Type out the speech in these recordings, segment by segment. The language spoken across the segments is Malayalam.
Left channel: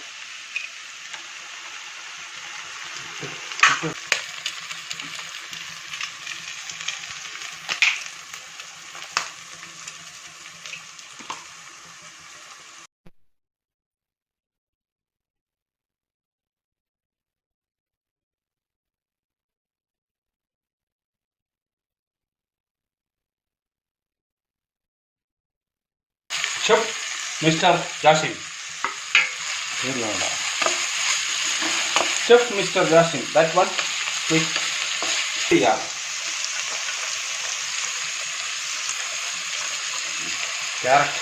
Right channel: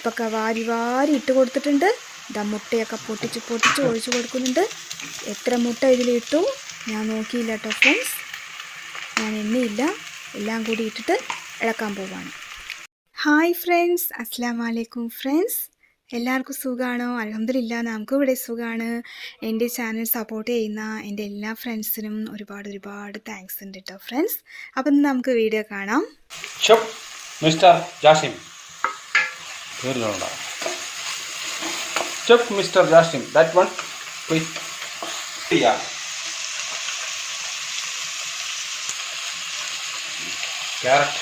ഉപ്പൊക്കെ വാരി വാരി ഇട്ട് കൊടുത്തിട്ടുണ്ട്. ഇതാ മുട്ടയൊക്കെ പൊട്ടിച്ച് പൊട്ടിച്ച് ഒഴിച്ച് കൊടുക്കുന്നുണ്ട്. എത്ര മുട്ട ഇതിലിട്ടു? ഞാൻ നോക്കിയില്ല കേട്ടോ ഫ്രണ്ട്സ്. ഞാൻ എണ്ണയില്ല. എല്ലാം കൂടി ഇട്ടിട്ട് ഇളക്കാൻ പോവാണ്. Hi friends. അസ്സാം വലൈക്കും ഫ്രണ്ട്സ്. എല്ലാവർക്കും സുഖമാണോ അലഹമില്ല നമുക്കും ഇവിടെ സുഖമാണ് എന്റെ ചാനൽ സപ്പോർട്ട് ചെയ്യുന്ന എന്റെ എല്ലാ ഫ്രണ്ട്സിനും ഒരുപാട് ഒരുപാട് താങ്ക്സ് ഉണ്ട് കേട്ടോ ഫ്രണ്ട്സ്. അപ്പം നമുക്ക് വീഡിയോ കാണാം. മിസ്റ്റർ ജാസിം. തീർന്നുകൊണ്ട mr mister that that one yeah. Carrot.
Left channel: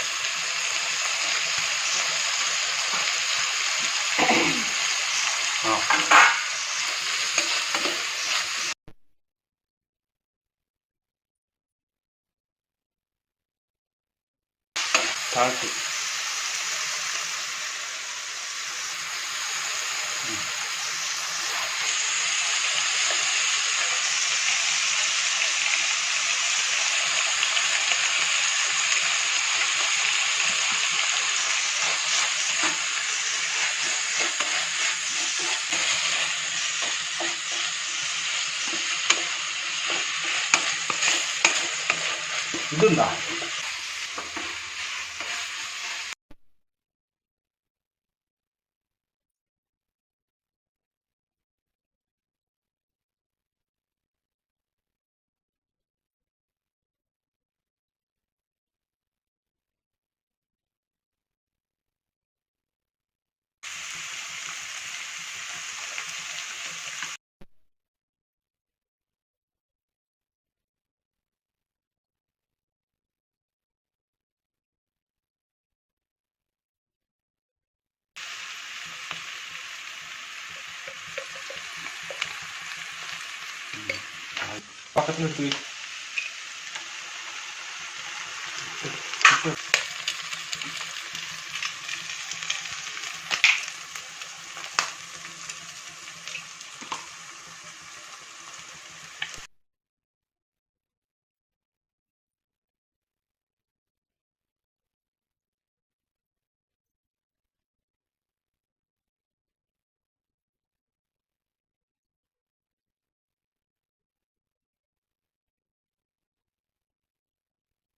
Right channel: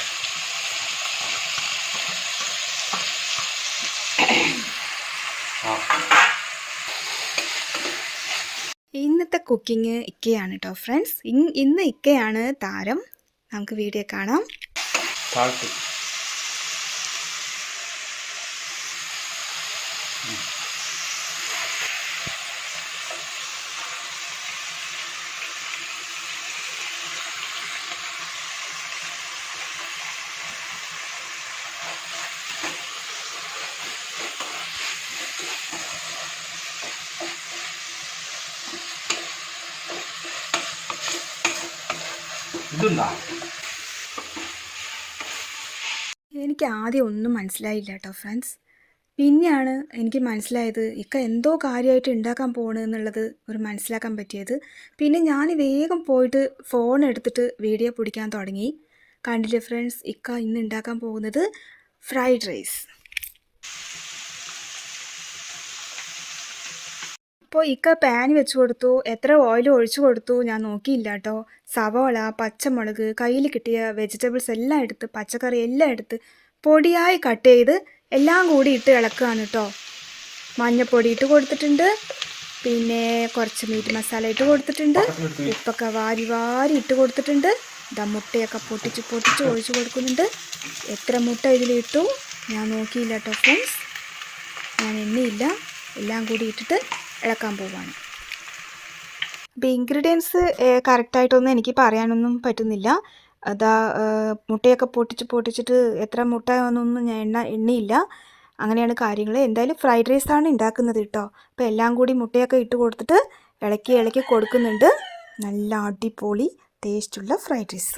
ഇന്നത്തെ കുക്കിംഗ് ഇക്കയാണ് കേട്ടോ ഫ്രണ്ട്സ് ഇന്ന് ഇക്കയാണ് താരം. നമുക്ക് വീഡിയോ കാണാം. സാൾട്ട് ഇതെന്താ എനിക്ക് ആദ്യം ഒന്നും മനസ്സിലായില്ല കേട്ടോ ഫ്രണ്ട്സ്. പിന്നെയാണ് എനിക്ക് മനസ്സിലായത് ഇക്ക എന്തോ കാര്യമായിട്ട് ഉണ്ടാക്കാൻ പോകണമെന്നുള്ളത് ഒരു മനസ്സിലാക്കാൻ പറ്റിയത്. പിന്നെ ഞാൻ വേഗം പോയിട്ട് ഫോൺ എടുത്തിട്ട് വീഡിയോ പിടിക്കാൻ തുടങ്ങി. കണ്ടില്ലേ ഫ്രണ്ട്സ് ഇക്ക ഇന്ന് ഉണ്ടാക്കാൻ പോകുന്നത് ഫ്രൈഡ് റൈസ് അപ്പോൾ ഇക്ക പാൻ വെച്ച് കൊടുത്തു എത്ര ഓയിൽ ഒഴിച്ചു കൊടുത്തു ഞാൻ നോക്കിയില്ല കേട്ടോ സവാള പച്ചമുളക് കയ്യിൽ കിട്ടിയ വെജിറ്റബിൾസ് എല്ലാം എടുത്ത് പച്ചക്കറി എല്ലാം എടുത്ത് പൊടിയായി കട്ട് ചെയ്ത് എല്ലാം കൂടി ഇട്ട് ഇളക്കുകയാണ് കേട്ടോ മഞ്ഞപ്പൊടി ഇട്ട് കൊടുത്തിട്ടുണ്ട്. പിന്നെ കുറച്ച് മീറ്റ് മസാല ഇട്ട് കൊടുത്തിട്ടുണ്ട്. ഉപ്പൊക്കെ വാരി വാരി ഇട്ട് കൊടുത്തിട്ടുണ്ട്. ഇതാ മുട്ടയൊക്കെ പൊട്ടിച്ച് പൊട്ടിച്ച് ഒഴിച്ച് കൊടുക്കുന്നുണ്ട്. എത്ര മുട്ട ഇതിലിട്ടു ഞാൻ നോക്കിയില്ല കേട്ടോ ഫ്രണ്ട്സ് ഞാൻ എണ്ണയില്ല. എല്ലാം കൂടി ഇട്ടിട്ട് ഇളക്കാൻ പോവാണ്. അപ്പോൾ ഇൻഗ്രീഡിയൻസ് കറക്റ്റായിട്ടൊന്നും എനിക്ക് പറയാനൊന്നും പറ്റുന്നില്ല. അതാ മുട്ടയൊക്കെ പൊട്ടിച്ച് പൊട്ടിച്ചിട്ട് എത്ര മുട്ട ഒന്നും ഞാൻ എണ്ണ എണ്ണയില്ല. അങ്ങനെയാണ് കാര്യങ്ങൾ. എന്തായാലും ഫ്രൈഡ് റൈസാണ് ഉണ്ടാക്കുന്നത് കേട്ടോ അപ്പോൾ എല്ലാം കൂടി മുട്ടയൊക്കെ ഇട്ട് കൊടുത്തിട്ട് ഇളക്കി ഇളക്കി കൊടുക്കുന്നുണ്ട്. നല്ല അടിപൊളി ടേസ്റ്റുള്ള ഫ്രൈഡ് റൈസ്.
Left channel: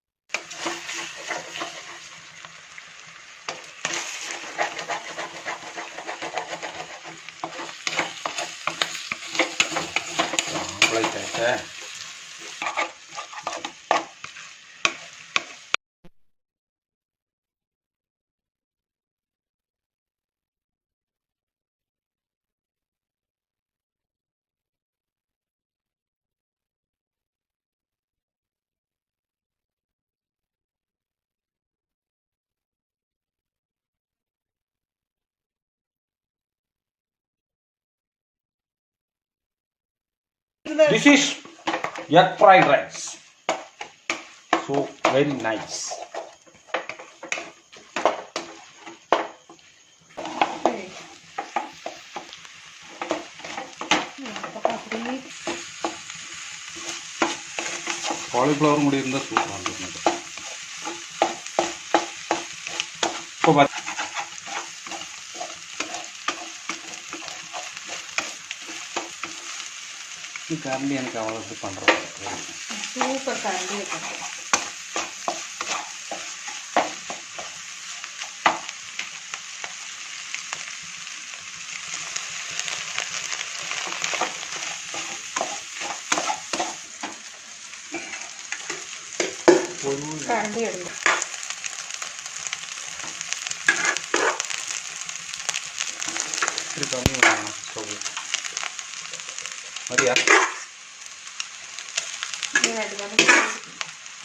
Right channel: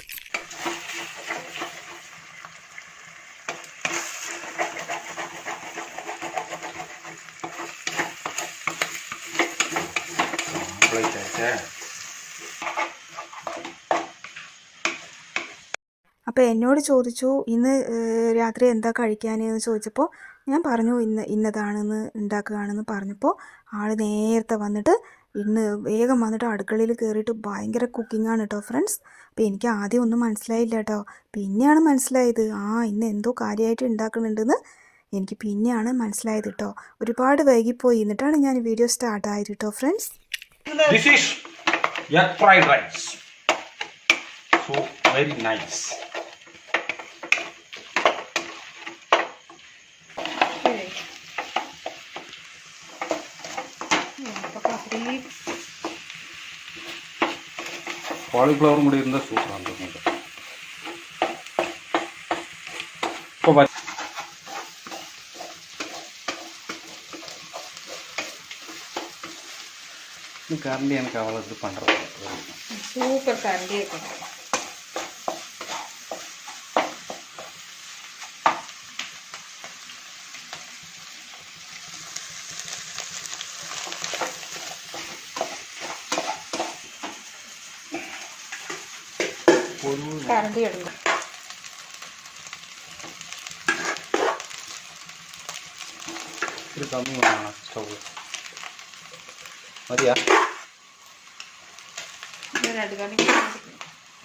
പ്ലേറ്റ് അപ്പോൾ എന്നോട് ചോദിച്ചു ഇന്ന് രാത്രി എന്താ കഴിക്കാനെന്ന് ചോദിച്ചപ്പോൾ ഞാൻ പറഞ്ഞു ഇന്ന് ഇന്നതാണെന്ന് ഉണ്ടാക്കുകയാണെന്ന് പറഞ്ഞപ്പോൾ ആൾ നേരത്തെ വന്നിട്ട് ഇന്ന് വേഗം വന്നിട്ട് അടുക്കളയിൽ കയറിയിട്ട് ഭയങ്കര കുക്കിംഗ് ആണ് കേട്ടോ ഫ്രണ്ട്സ് അപ്പോൾ എനിക്ക് ആദ്യം ഒന്നും മനസ്സിലായില്ല കേട്ടോ പിന്നെയാണ് മനസ്സിലായത് ആ ഇന്ന് എന്തോ കാര്യമായിട്ട് ഉണ്ടാക്കുന്നുണ്ടെന്ന് എനിക്ക് പിന്നെയാണ് മനസ്സിലായത് കേട്ടോ ഒരുപാട് വൈകിപ്പോയി. എന്നിട്ടാണ് ഞാൻ വീഡിയോ സ്റ്റാർട്ടായത് കേട്ടോ friends This is egg fried rice. So very nice. Cauliflower முடி இருந்தால் சூப்பராக இருக்கும் ini kawal depan super gandian kan? Kan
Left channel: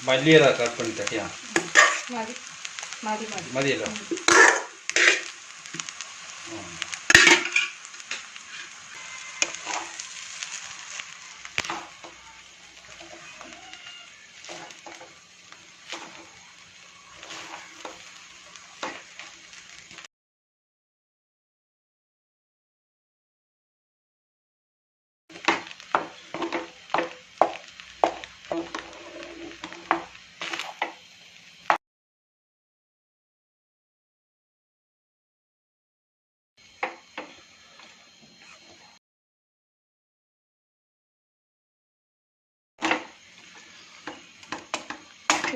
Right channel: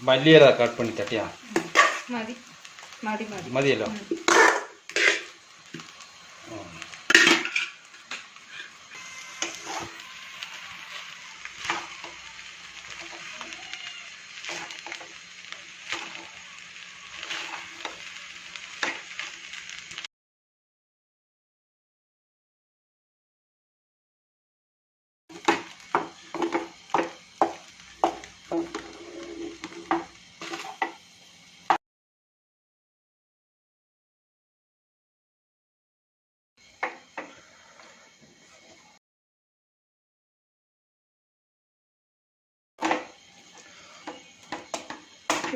വലിയതാ കട്ട് പണി തട്ടിയാ മതി മതി മതി. മതിയല്ലോ?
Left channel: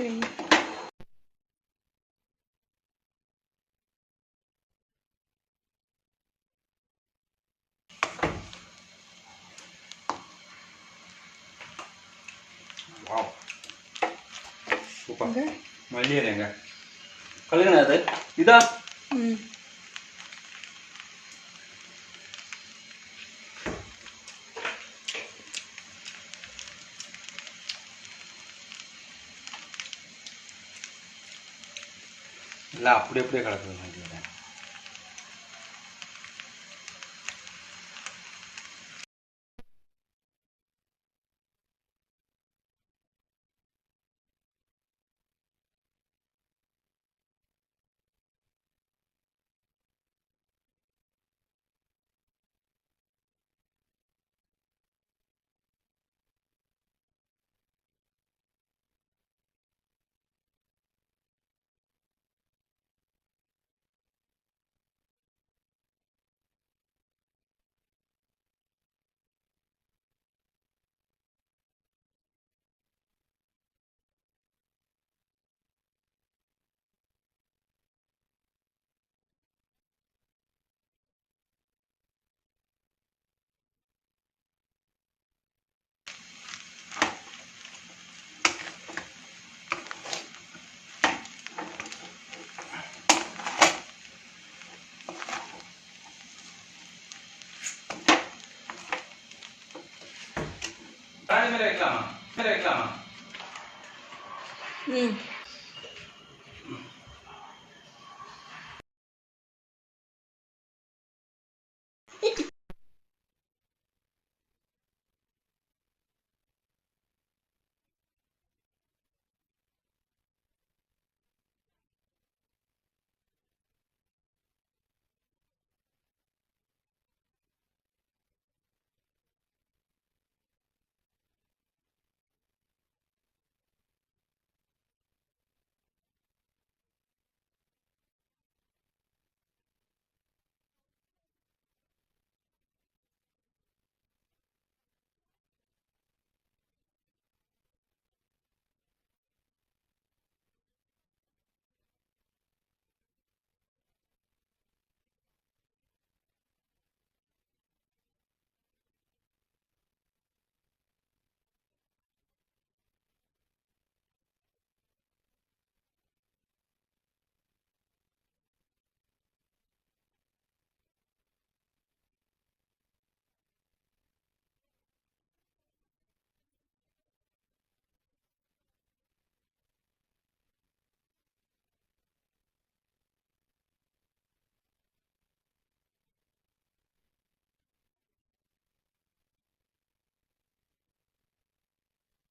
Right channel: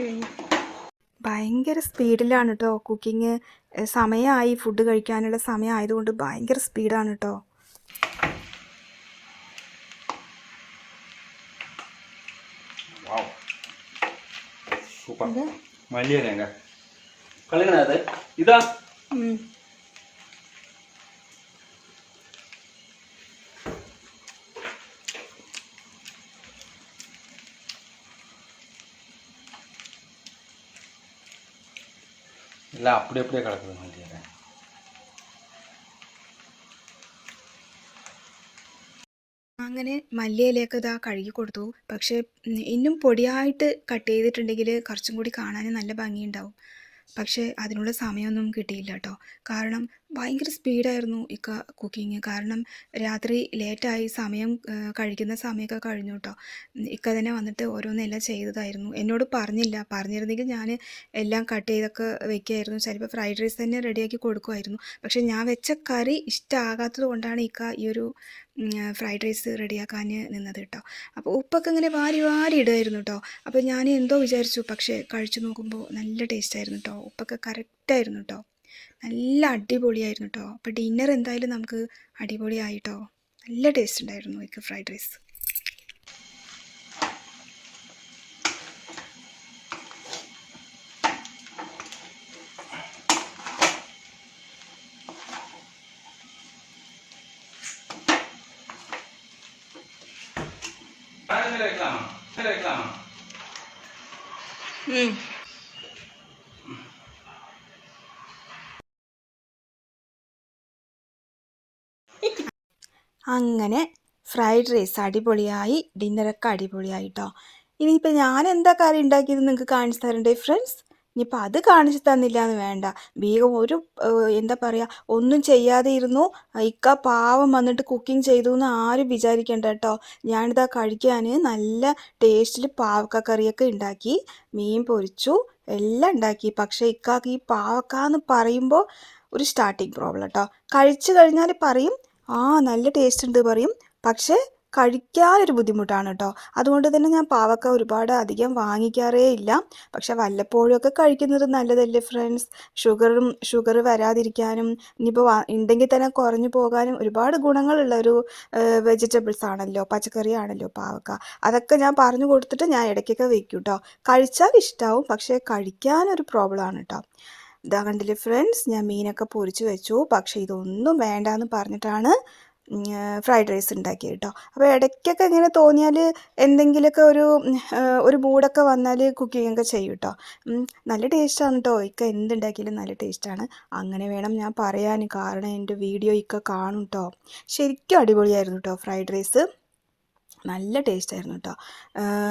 കഴിഞ്ഞു. ഭയങ്കര സ്പീഡിലാണ് കേട്ടോ കുക്കിങ്. സമയമായി ഫുഡ് കഴിക്കാനുള്ള സമയം ആയതുകൊണ്ട് ഭയങ്കര സ്പീഡാണ് കേട്ടോ വലിയ സൂപ്പർ. ഇത്? മല്ലിയില കളിക്കണത് ഇതാ ഉം. எல்லாம் அப்படி அப்படியே கிடக்குது மல்லியில അങ്ങനെ മല്ലിയിലയൊക്കെ ഇതാ കഴുകി കൊടുത്തു പക്ഷേ ഉം, ഇന്നും പൊടിയായിട്ട് കട്ട് ചെയ്തിട്ടുണ്ടെങ്കിൽ കുറച്ചും കൂടി കാണാൻ നല്ല ഭംഗിയുണ്ടാവും പക്ഷേ അതിനുള്ള സമയമൊന്നും കിട്ടിയില്ല കേട്ടോ കാരണം ഭയങ്കര സ്പീഡായിരുന്നു ഇക്ക കുക്കിങ് കാരണം രാത്രി ലേറ്റായി സമയം കഴിക്കുന്ന സമയമൊക്കെ കഴിഞ്ഞു കേട്ടോ ഇക്ക തന്നെ വന്നിട്ട് ഓരോന്നെല്ലാം ചെയ്തതായിരുന്നു. എന്നോട് പറഞ്ഞില്ല. പറഞ്ഞിരുന്നെങ്കിൽ ഞാൻ എല്ലാം കട്ട് ചെയ്തൊക്കെ വെക്കുമായിരുന്നു ചിലപ്പോൾ ഫ്രൈഡ് റൈസ് തന്നെ റെഡിയാക്കി കൊടുക്കുമായിരുന്നു. പക്ഷേ ഞാൻ വെച്ച കറി ഇഷ്ടമാകാത്തത് കൊണ്ടാണ് ഇക്ക ഈ ഒരു ഫ്രൈഡ് റൈസ് റെഡിയാക്കാൻ നിന്നത് കേട്ടോ അപ്പോൾ ഉപ്പൊക്കെ ഇങ്ങനെ വാരി വാരി ഇടുമായിരുന്നു കേട്ടോ അപ്പോൾ ഞാൻ എന്തോ വിചാരിച്ചു. പക്ഷേ കഴിച്ചു നോക്കുമ്പോൾ നല്ല ടേസ്റ്റായിരുന്നു കേട്ടോ ഉപ്പൊക്കെ കറക്റ്റായിരുന്നു കേട്ടോ നല്ല അടിപൊളിയായിരുന്നു കേട്ടോ അപ്പോൾ ഡിന്നർ എന്തായാലും നമുക്ക് അടിപൊളിയായിട്ടോ നല്ല ടേസ്റ്റ് ഉണ്ടായിരുന്നു എനിക്ക് ഫ്രൈഡ് റൈസ് ഉം. Mm. അങ്ങനെ ഫ്രൈഡ് റൈസ് അടിപൊളിയായി ഡിന്നറൊക്കെ അടിപൊളിയായി കേട്ടോ ഇനിയിപ്പോൾ ഞാൻ എന്താ കറി ഉണ്ടാക്കിയത് നിങ്ങൾക്ക് കാണിച്ചു തരണ്ടേ ഫ്രണ്ട്സ് ഇനിയിപ്പോൾ അത് കാണിച്ചു തന്നില്ല എന്ന് വേണ്ട. വേഗം ഒരു എന്താ പറയുക ഒന്നും ചെയ്യാതെ ഇരുന്നു. ഇക്ക പാവം വന്നിട്ട് കുക്കിംഗ് ചെയ്തു എന്ന് ആരും വിചാരിക്കേണ്ട കേട്ടോ ഞാനിതാ കഴിക്കാൻ നല്ല ടേസ്റ്റിൽ പാവക്ക കറിയൊക്കെ ഉണ്ടാക്കി മീൻ പൊരിച്ചു എല്ലാം ഉണ്ടാക്കി. പക്ഷേ ഇക്കാക്ക് ഈ പാവക്ക എന്ന് പറയുമ്പോൾ ഒരു സ്റ്റാർട്ടിങ് പ്രോബ്ലം കേട്ടോ കഴിച്ചു കഴിഞ്ഞാൽ പറയും ആ നല്ല ടേസ്റ്റ് ഉണ്ട് പറയും. പക്ഷേ കഴിക്കാനൊരു ബുദ്ധിമുട്ടാണ് കേട്ടോ അതുകൊണ്ട് തന്നെ ഞാൻ പാവക്ക ഒരുപാട് അധികം വാങ്ങിക്കാറേ ഇല്ല. പക്ഷെ വല്ലപ്പോഴും ഒക്കെ കഴിക്കുന്നത് നല്ലതല്ലേ ഫ്രണ്ട്സ് ഷുഗറും ഷുഗർ വരാതിരിക്കാനും ഇനിയിപ്പോൾ ഉണ്ടെങ്കിൽ തന്നെ കുറഞ്ഞു പോകാനും ഒരുപാട് ഗുണങ്ങളുള്ള ഒരു വെജിറ്റബിൾസ് ആണല്ലോ പച്ചക്കറി ആണല്ലോ പാവക്ക. അതൊക്കെ ഞാൻ പറഞ്ഞു കൊടുത്തിട്ട് ഞാൻ ഇടയ്ക്കൊക്കെ വെക്കും കേട്ടോ കഴിച്ചാൽ ഇഷ്ടമാവും പക്ഷേ കഴിക്കാനൊരു പ്രോബ്ലമാണ് കേട്ടോ ഇതാ കണ്ടില്ലേ ഫ്രണ്ട്സ് ഞാൻ മീനൊക്കെ പൊരിച്ച് വെച്ചു. പക്ഷേ ഇതൊന്നും വേണ്ടാന്ന് പറഞ്ഞിട്ടാണ് ഫ്രൈഡ് റൈസ് ഉണ്ടാക്കിയത് കേട്ടോ അപ്പോൾ ഇടയ്ക്കൊക്കെ ഇങ്ങനെ തോന്നിയാൽ എന്തെങ്കിലുമൊക്കെ ഒരു ഒരു മൂടൊക്കെ വന്നാൽ കുക്കിംഗ് ഒക്കെ ചെയ്യും കേട്ടോ നല്ല ടേസ്റ്റാണ് കേട്ടോ ഇക്ക എന്തുണ്ടാക്കിയാലും നല്ല ടേസ്റ്റാണ്. അങ്ങനെ വേണം ഞാൻ പറയാൻ കാരണം എന്റെ വീഡിയോ ഇക്ക കാണും കേട്ടോ ശരിക്കും അടിപൊളിയായിരുന്നു കേട്ടോ ഫ്രൈഡ് റൈസ്. നല്ല ടേസ്റ്റ് ആയിരുന്നു കേട്ടോ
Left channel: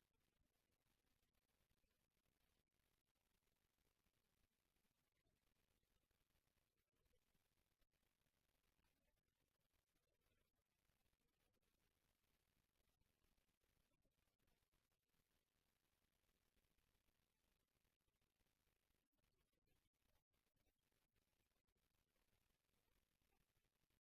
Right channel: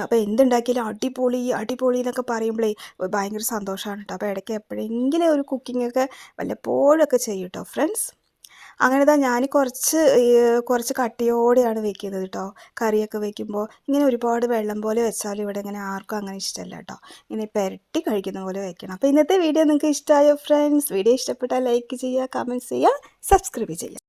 അപ്പോൾ എന്തുണ്ടാക്കിയാലും അടിപൊളി അടിപൊളി എന്നൊക്കെ പറയുമ്പോഴേ ഭയങ്കര സന്തോഷമാണ് കേട്ടോ അപ്പോൾ ഇടയ്ക്ക് എപ്പോഴെങ്കിലും ഒരു കുക്കിംഗ് ഒക്കെ വല്ലപ്പോഴൊക്കെ ചെയ്യും കേട്ടോ ഫ്രണ്ട്സ് അങ്ങനെ തന്നെ ഞാൻ കുറച്ച് കുറച്ച് കട്ടിയോടെയാണ് വെക്കുന്നത് കേട്ടോ കറിയൊക്കെ വെക്കുമ്പോൾ ഇങ്ങനെ ഒരുപാട് വെള്ളം പോലെ വെച്ചാലും ഇവിടെ ഇങ്ങനെ ആർക്കും അങ്ങനെ ഇഷ്ടമല്ല കേട്ടോ ഇങ്ങനെ പെരട്ടി കഴിക്കുന്ന പോലെ വെക്കണം. അപ്പോൾ ഇന്നത്തെ വീഡിയോ നിങ്ങൾക്ക് ഇഷ്ടമായോ ഫ്രണ്ട്സ് വീഡിയോ ഇഷ്ടപ്പെട്ടാൽ ലൈക്ക് ചെയ്യുക കമന്റ്സ് ചെയ്യുക സബ്സ്ക്രൈബ് ചെയ്യുക.